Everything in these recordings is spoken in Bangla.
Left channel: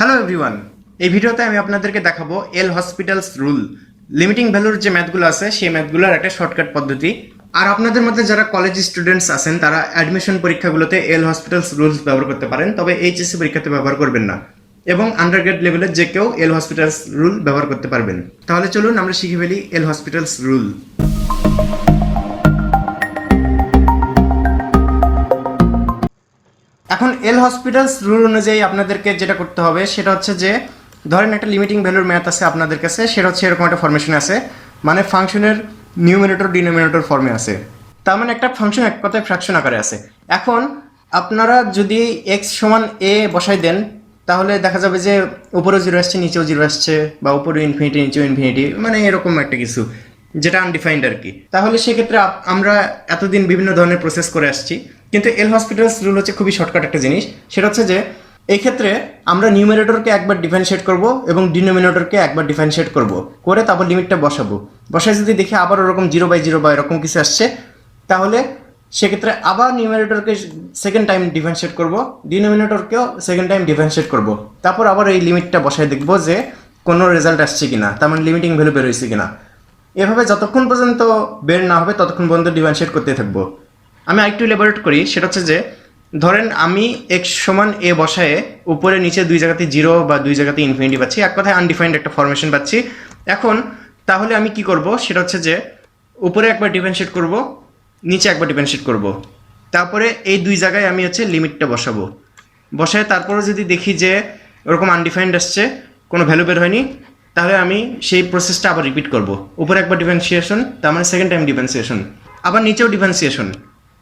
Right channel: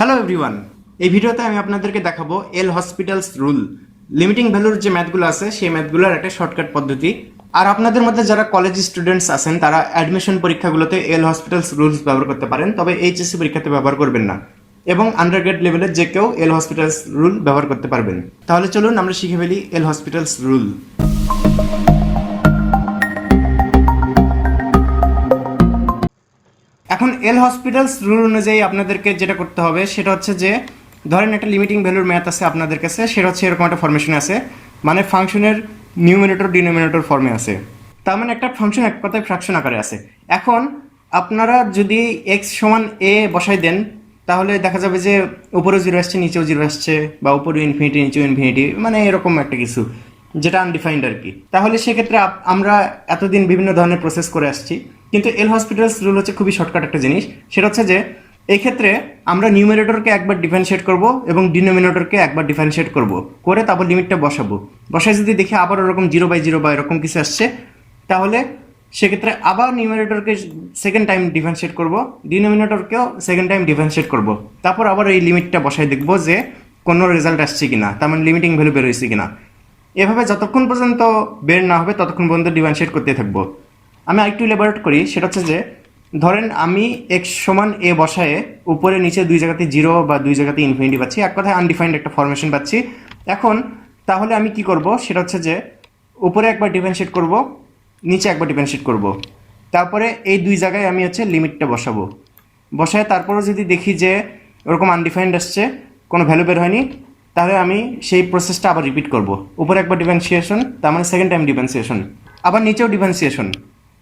হ্যালো এভরিওয়ান, এই ভিডিওতে আমি আপনাদেরকে দেখাবো এল হসপিটালস রুল লিমিটিং ভ্যালুর যে ম্যাথগুলো আছে সেই ম্যাথগুলোর একটা শর্টকাট পদ্ধতি। আর আপনাদের মধ্যে যারা কলেজ স্টুডেন্টস আছেন তারা অ্যাডমিশন পরীক্ষাগুলোতে এল হসপিটালস রুলস ব্যবহার করতে পারেন, তবে এইচএসসি পরীক্ষাতে ব্যবহার করবেন না। এবং আন্ডারগ্রেড লেভেলের যে কেউ এল হসপিটালস রুল ব্যবহার করতে পারবেন। তাহলে চলুন আমরা শিখে ফেলি এল হসপিটালস রুল। এখন এল হসপিটালস রুল অনুযায়ী আপনাদেরকে যেটা করতে হবে সেটা হচ্ছে যে, ধরেন একটা লিমিটিং ভ্যালুর ম্যাথ আছে আপনাদের কাছে, সেটা হচ্ছে এরকম একটা ফরমেশন আছে, মানে ফাংশনের নিউমিনেটর ডিনোমিনেটর ফর্মে আছে। তার মানে একটা ফাংশন এক কথায় ফ্র্যাকশন আকারে আছে। এখন আপনারা যদি এক্স সমান এ বসাই দেন তাহলে দেখা যাবে যে উপরেও জিরো আসছে নিচেও জিরো আসছে, বা উপরেও ইনফিনিটি নিচেও ইনফিনিটি, মানে এরকম একটা কিছু যেটা আনডিফাইন্ড আর কি। তাহলে সেক্ষেত্রে আমরা এতদিন বিভিন্ন ধরনের প্রসেস করে আসছি, কিন্তু এল হসপিটালস রুল হচ্ছে খুবই শর্টকাট একটা জিনিস। সেটা হচ্ছে যে এই ক্ষেত্রে আমরা নিউমিনেটরকে একবার ডিফারেন্সিয়েট করব এবং ডিনোমিনেটরকে একবার ডিফারেন্সিয়েট করব, করে তারপর লিমিটটা বসাবো। বসায় যদি দেখি আবার ওরকম 0/0 বা এরকম কিছু আসছে, তাহলে সেক্ষেত্রে আবার নিউমিনেটরকে সেকেন্ড টাইম ডিফারেন্সিয়েট করব, ডিনোমিনেটরকেও সেকেন্ড টাইম ডিফারেন্সিয়েট করব, তারপর আবার এই লিমিটটা বসায় দেখব যে কোনো রেজাল্ট আসছে কিনা, তার মানে লিমিটিং ভ্যালু বের হয়েছে কিনা। এভাবে যতক্ষণ পর্যন্ত বের না হবে ততক্ষণ পর্যন্ত ডিফারেন্সিয়েট করতে থাকবো। আমি আরেকটু ইলাবোরেট করি, সেটা হচ্ছে যে ধরেন আমি এক্স সমান এ বসায়ে উপরে নিচে দুই জায়গাতে জিরো বা দুই জায়গাতে ইনফিনিটি পাচ্ছি, এক কথায় আনডিফাইন্ড একটা ফরমেশন পাচ্ছি। এখন তাহলে আমি কি করব, সেটা হচ্ছে যে উপরে একবার ডিফারেন্সিয়েট করব, নিচে একবার ডিফারেন্সিয়েট করব, তারপরে এই দুই জায়গায় আমি হচ্ছে লিমিটটা বসাবো। বসায় তারপরে যদি দেখি যে ওরকম আনডিফাইন্ড আসছে, কোনো ভ্যালু বের হয়নি, তাহলে আমি সেই প্রসেসটা আবার রিপিট করব। উপরে একবার ডিফারেন্সিয়েশন, তার মানে সেকেন্ড টাইম ডিফারেন্সিয়েশন, আবার নিচেও ডিফারেন্সিয়েশন,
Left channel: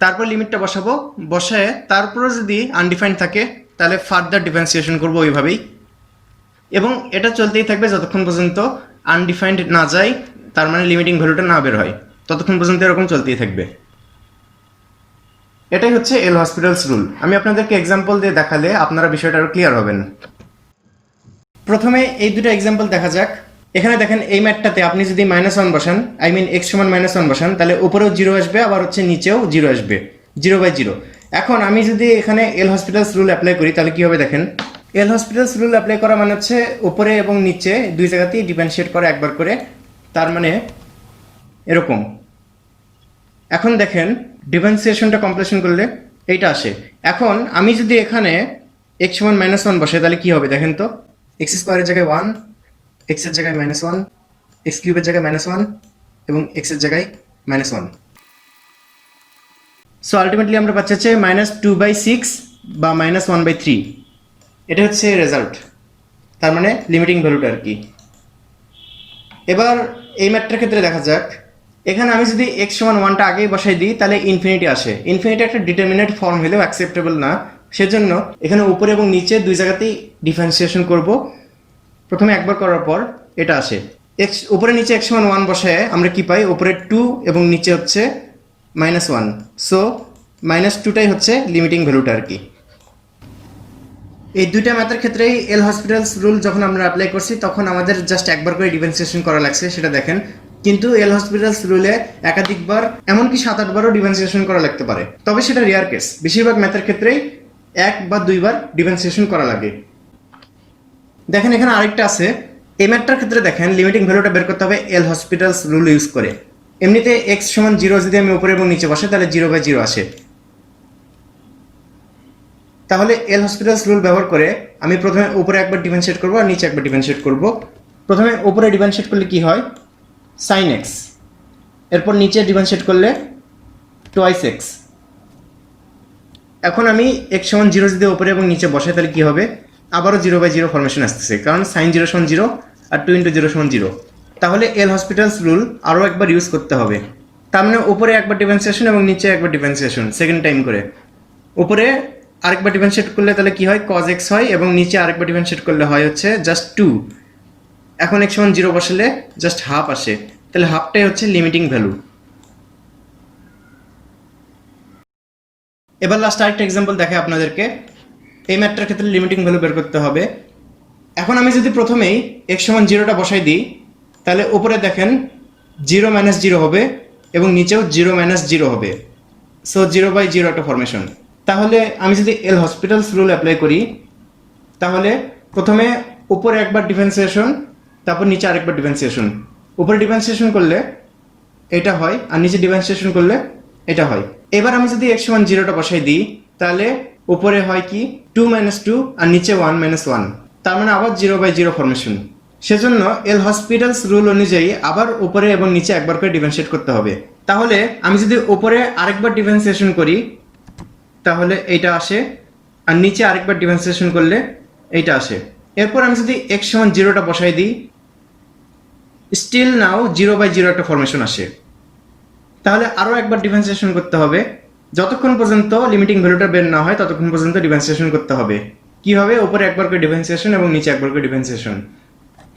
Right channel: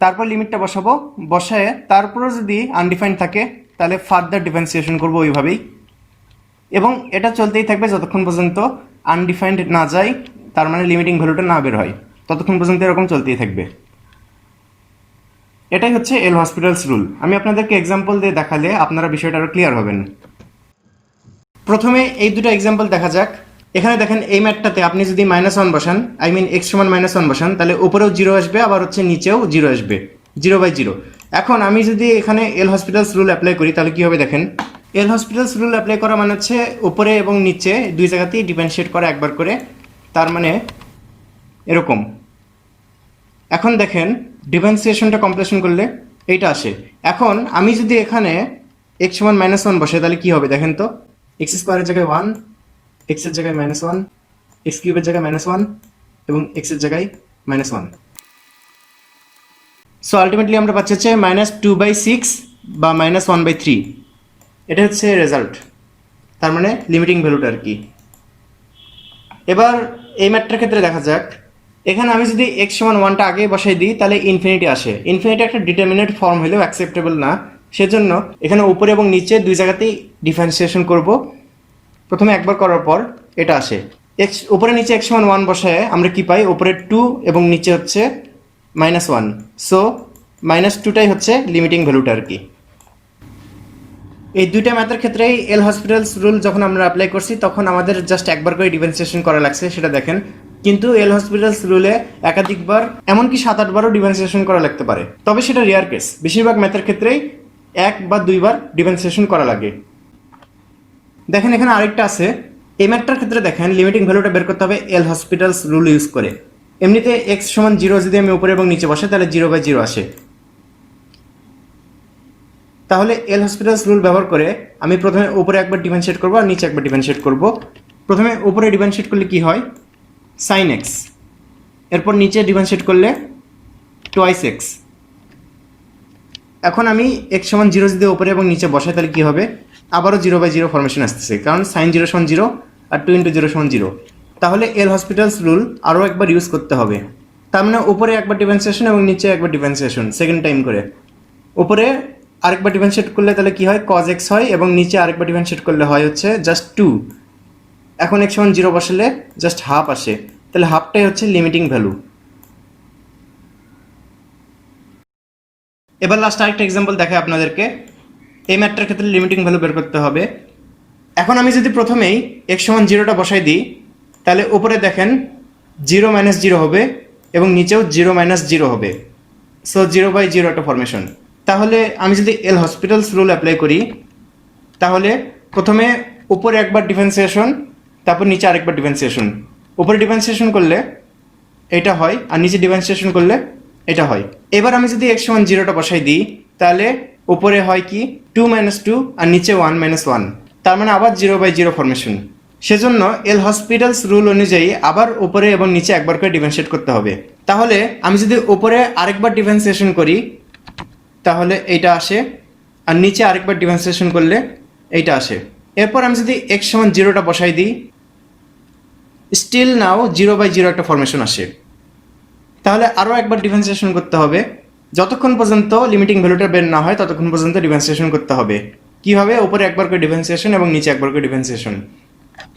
তারপর লিমিটটা বসাবো। বসায় তারপরে যদি আনডিফাইন্ড থাকে তাহলে ফার্দার ডিফারেন্সিয়েশন করবো ওইভাবেই, এবং এটা চলতেই থাকবে যতক্ষণ পর্যন্ত আনডিফাইন্ড না যায়, তার মানে লিমিটিং ভ্যালুটা না বের হয়, ততক্ষণ পর্যন্ত এরকম চলতেই থাকবে। এটাই হচ্ছে এল হসপিটালস রুল। আমি আপনাদেরকে এক্সাম্পল দিয়ে দেখালে আপনারা বিষয়টা আরও ক্লিয়ার হবেন। প্রথমে এই দুটো এক্সাম্পল দেখা যাক। এখানে দেখেন এই ম্যাথটাতে আপনি যদি -1 বসান, আই মিন এক্স সমান -1 বসান, তাহলে উপরেও জিরো আসবে, আবার হচ্ছে নিচেও জিরো আসবে, 0/0। এখন আমি যদি এখানে এল হসপিটালস রুল অ্যাপ্লাই করি তাহলে কি হবে দেখেন। এল হসপিটালস রুল অ্যাপ্লাই করা মানে হচ্ছে উপরে এবং নিচে দুই জায়গাতেই ডিফারেন্সিয়েট করা একবার করে, তার মানে এরকম। এখন দেখেন ডিফারেন্সিয়েশনটা কমপ্লিশন করলে এইটা আসে। এখন আমি যদি এখানে এক্স সমান -1 বসাই তাহলে কি হবে দেখেন তো। এক্স স্কোয়ারের জায়গায় 1, এক্সের জায়গায় -1, এক্স কিউবের জায়গায় -1 এবং এক্সের জায়গায় -1। সো আলটিমেটলি আমরা পাচ্ছি হচ্ছে -2/6 বা -1/3। এটা হচ্ছে রেজাল্ট, তার মানে লিমিটিং ভ্যালুটা আর কি। এবার এই ম্যাথটার ক্ষেত্রে দেখা যাক। এখানে আমি যদি এক্স সমান 1টা আগেই বসাই দিই তাহলে ইনফিনিটি আসে। ইনফিনিটি একটা ডিটারমিনেট ফর্ম হলেও অ্যাকসেপ্টেবল না, সেজন্য এখানে উপরে এবং নিচে দুই জায়গাতেই ডিফারেন্সিয়েশন করব। প্রথমে একবার করার পর এটা আসে, এক্স উপরে নিচে এক্স সমান 1 বসায় আমরা কি পাই, উপরে 2 এবং নিচে হচ্ছে -1। সো -2টাই হচ্ছে লিমিটিং ভ্যালুটা আর কি। এই দুইটা ম্যাথের ক্ষেত্রেই এল হসপিটালস রুল যখন আমরা অ্যাপ্লাই করছি তখন আমাদের জাস্ট একবার করে ডিফারেন্সিয়েশন করা লাগছে, সেটা দেখেন। কিন্তু এল হসপিটালস রুলে একাধিকবার, এমনকি 7-8 বারও ডিফারেন্সিয়েশন করা লাগতে পারে, তবে সেটা রেয়ার কেস। বেশিরভাগ ম্যাথের ক্ষেত্রেই 1 বা 2 বার ডিফারেন্সিয়েশন করা লাগে। দেখেন এখানে আরেকটা আছে। এই ম্যাথটার ক্ষেত্রে দেখেন লিমিটিং ভ্যালুটা বের করতে হবে এল হসপিটালস রুল ইউজ করে। এমনিতে এক্স সমান 0 যদি আমি উপরে এবং নিচে বসে তাহলে 0/0 আসে। তাহলে এল হসপিটালস রুল ব্যবহার করে আমি প্রথমে উপরে একবার ডিফারেন্সিয়েট করবো আর নিচে একবার ডিফারেন্সিয়েট করব। প্রথমে উপরে ডিফারেন্সিয়েট করলে কি হয়, sin x, এরপর নিচে ডিফারেন্সিয়েট করলে 2x। এখন আমি এক্স সমান 0 যদি উপরে এবং নিচে বসাই তাহলে কি হবে, আবারও 0/0 ফরমেশন আসতেছে, কারণ sin 0 = 0 আর 2 × 0 = 0। তাহলে এল হসপিটালস রুল আরও একবার ইউজ করতে হবে। তার মানে উপরে একবার ডিফারেন্সিয়েশন এবং নিচে একবার ডিফারেন্সিয়েশন সেকেন্ড টাইম করে। উপরে আরেকবার ডিফারেন্সিয়েট করলে তাহলে কি হয়, cos x হয়, এবং নিচে আরেকবার ডিফারেন্সিয়েট করলে হয় হচ্ছে জাস্ট 2। এখন x সমান 0 বসালে জাস্ট হাফ আসে, তাহলে হাফটাই হচ্ছে লিমিটিং ভ্যালু। এবার লাস্ট আরেকটা এক্সাম্পল দেখে আপনাদেরকে। এই ম্যাথটার ক্ষেত্রে লিমিটিং ভ্যালু বের করতে হবে। এখন আমি যদি প্রথমেই x সমান 0টা বসাই দিই তাহলে উপরে দেখেন 0 - 0 হবে এবং নিচেও 0 - 0 হবে। সো 0/0 একটা ফরমেশন। তাহলে আমি যদি এল হসপিটালস রুল অ্যাপ্লাই করি তাহলে প্রথমে উপরে একবার ডিফারেন্সিয়েশন, তারপর নিচে আরেকবার ডিফারেন্সিয়েশন। উপরে ডিফারেন্সিয়েশন করলে এটা হয়, আর নিচে ডিফারেন্সিয়েশন করলে এটা হয়। এবার আমি যদি x সমান 0টা বসাই দিই, তাহলে উপরে হয় কি 2 - 2 আর নিচে 1 - 1, তার মানে আবার 0/0 ফরমেশন। সেজন্য এল হসপিটালস রুল অনুযায়ী আবার উপরে এবং নিচে একবার করে ডিফারেন্সিয়েট করতে হবে। তাহলে আমি যদি উপরে আরেকবার ডিফারেন্সিয়েশন করি তাহলে এইটা আসে, আর নিচে আরেকবার ডিফারেন্সিয়েশন করলে এইটা আসে। এরপর আমি যদি x সমান 0টা বসাই দিই, স্টিল নাও 0/0 একটা ফরমেশন আসে। তাহলে আরও একবার ডিফারেন্সিয়েশন করতে হবে, যতক্ষণ পর্যন্ত লিমিটিং ভ্যালুটা বের না হয় ততক্ষণ পর্যন্ত ডিফারেন্সিয়েশন করতে হবে। কি হবে, উপরে একবার করে ডিফারেন্সিয়েশন এবং নিচে একবার করে ডিফারেন্সিয়েশন।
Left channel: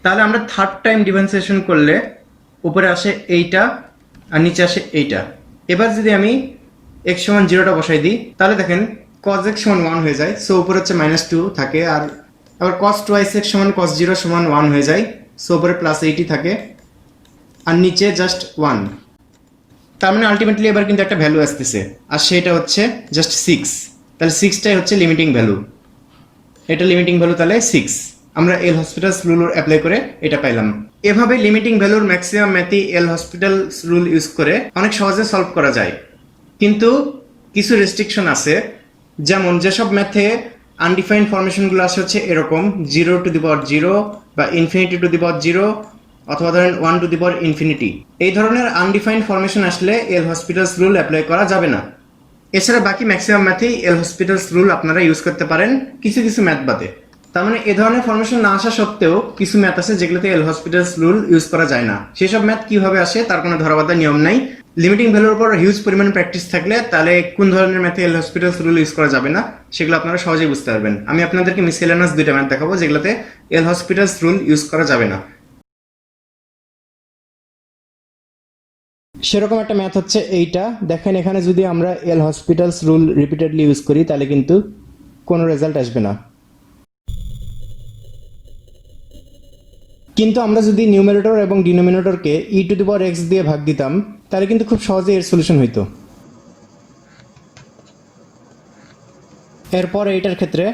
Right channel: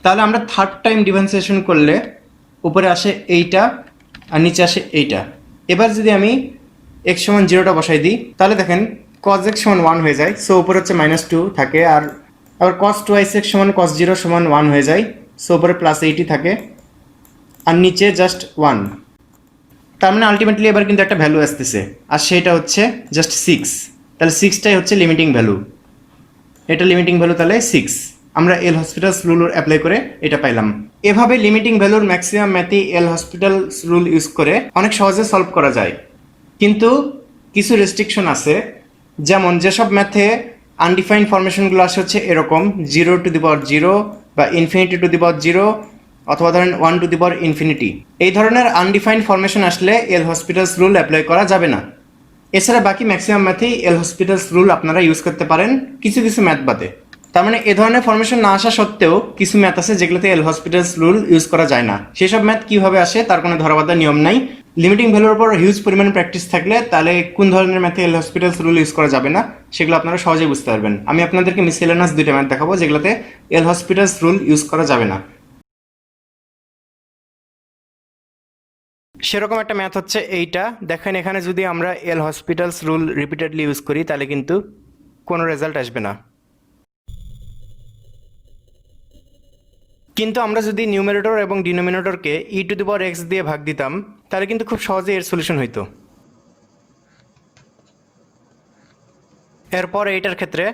তাহলে আমরা থার্ড টাইম ডিফারেন্সিয়েশন করলে উপরে আসে এইটা আর নিচে আসে এইটা। এবার যদি আমি x সমান 0টা বসাই দিই, তাহলে দেখেন cos x সমান 1 হয়ে যায়, সো উপরে হচ্ছে -2 থাকে, আর আবার cos 2x সমান cos 0 সমান 1 হয়ে যায়, সো উপরে +80 থাকে, আর নিচে জাস্ট 1। তার মানে আলটিমেটলি এবার কিন্তু একটা ভ্যালু আসতেছে, আর সেটা হচ্ছে জাস্ট 6। তাহলে 6টাই হচ্ছে লিমিটিং ভ্যালু, এটা লিমিটিং ভ্যালু তাহলে 6। আমরা এল হসপিটালস রুল অ্যাপ্লাই করে এটা পাইলাম। এভাবে লিমিটিং ভ্যালুর ম্যাক্সিমাম ম্যাথই এল হসপিটালস রুল ইউজ করে অনেক সহজে সলভ করা যায়, কিন্তু কিছু রেস্ট্রিকশন আছে। যেমন যেসব ম্যাথে আনডিফাইন্ড ফরমেশনগুলো আসে হচ্ছে এরকম 0 বা ∞0 অথবা ধরেন 1 এই ধরনের আনডিফাইন্ড ফরমেশন আসলে এল হসপিটালস রুল অ্যাপ্লাই করা যাবে না। এছাড়া বাকি ম্যাক্সিমাম ম্যাথেই এল হসপিটালস রুল আপনারা ইউজ করতে পারেন, কিছু কিছু ম্যাথ বাদে। তার মানে এ ধরনের ফরমেশন না আসা সত্ত্বেও কিছু ম্যাথ আছে যেগুলোতে এল হসপিটালস রুল ইউজ করা যায় না। সেসব ম্যাথ কিভাবে আসে তার কোনো ধরাবাধা নিয়ম নাই। লিমিটিং ভ্যালুর উপর হিউজ পরিমাণে প্র্যাকটিস থাকলে তাহলে কোন ধরনের ম্যাথে এল হসপিটালস রুল ইউজ করা যাবে না সেগুলো আপনারা সহজেই বুঝতে পারবেন। আমি আপনাদেরকে মিসেলেনাস 2টা ম্যাথ দেখাবো যেগুলোতে এল হসপিটালস রুল ইউজ করা যাবে না। সেরকম একটা ম্যাথ হচ্ছে এইটা। দেখেন এখানে যদি আমরা এল হসপিটালস রুল রিপিটেডলি ইউজ করি তাহলে কিন্তু কোনো রেজাল্ট আসবে না, কিন্তু আমরা যদি নিউমারেটর এবং ডিনোমিনেটরকে e⁻x দিয়ে ভাগ দিতাম তাহলে কিন্তু খুব সহজে এর সলিউশন হইতো। এরপর এইটার ক্ষেত্রে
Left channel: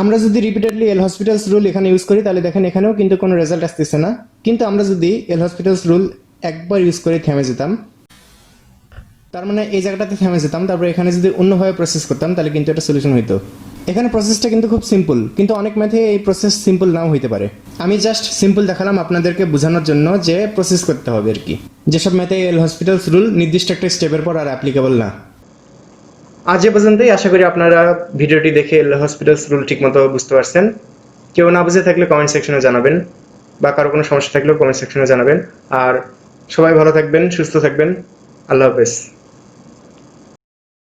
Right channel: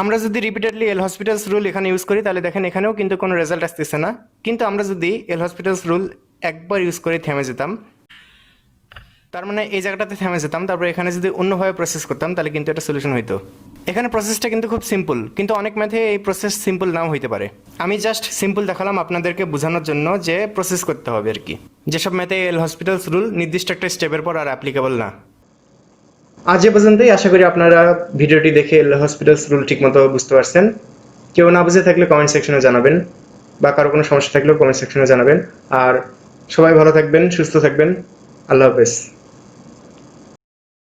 আমরা যদি রিপিটেডলি এল হসপিটালস রুল এখানে ইউজ করি তাহলে দেখেন এখানেও কিন্তু কোনো রেজাল্ট আসতেছে না, কিন্তু আমরা যদি এল হসপিটালস রুল একবার ইউজ করে থেমে যেতাম, তার মানে এই জায়গাটাতে থেমে যেতাম, তারপর এখানে যদি অন্যভাবে প্রসেস করতাম তাহলে কিন্তু এটা সলিউশন হইতো। এখানে প্রসেসটা কিন্তু খুব সিম্পল, কিন্তু অনেক ম্যাথে এই প্রসেস সিম্পল নাও হইতে পারে। আমি জাস্ট সিম্পল দেখালাম আপনাদেরকে বোঝানোর জন্য যে প্রসেস করতে হবে আর কি। যেসব ম্যাথে এল হসপিটালস রুল নির্দিষ্ট একটা স্টেপের পর আর অ্যাপ্লিকেবল না। আজ এ পর্যন্তই। আশা করি আপনারা ভিডিওটি দেখে এল হসপিটালস রুল ঠিকমতো বুঝতে পারছেন। কেউ না বুঝে থাকলে কমেন্ট সেকশনে জানাবেন, বা কারো কোনো সমস্যা থাকলেও কমেন্ট সেকশনে জানাবেন। আর সবাই ভালো থাকবেন, সুস্থ থাকবেন। আল্লাহ হাফেজ।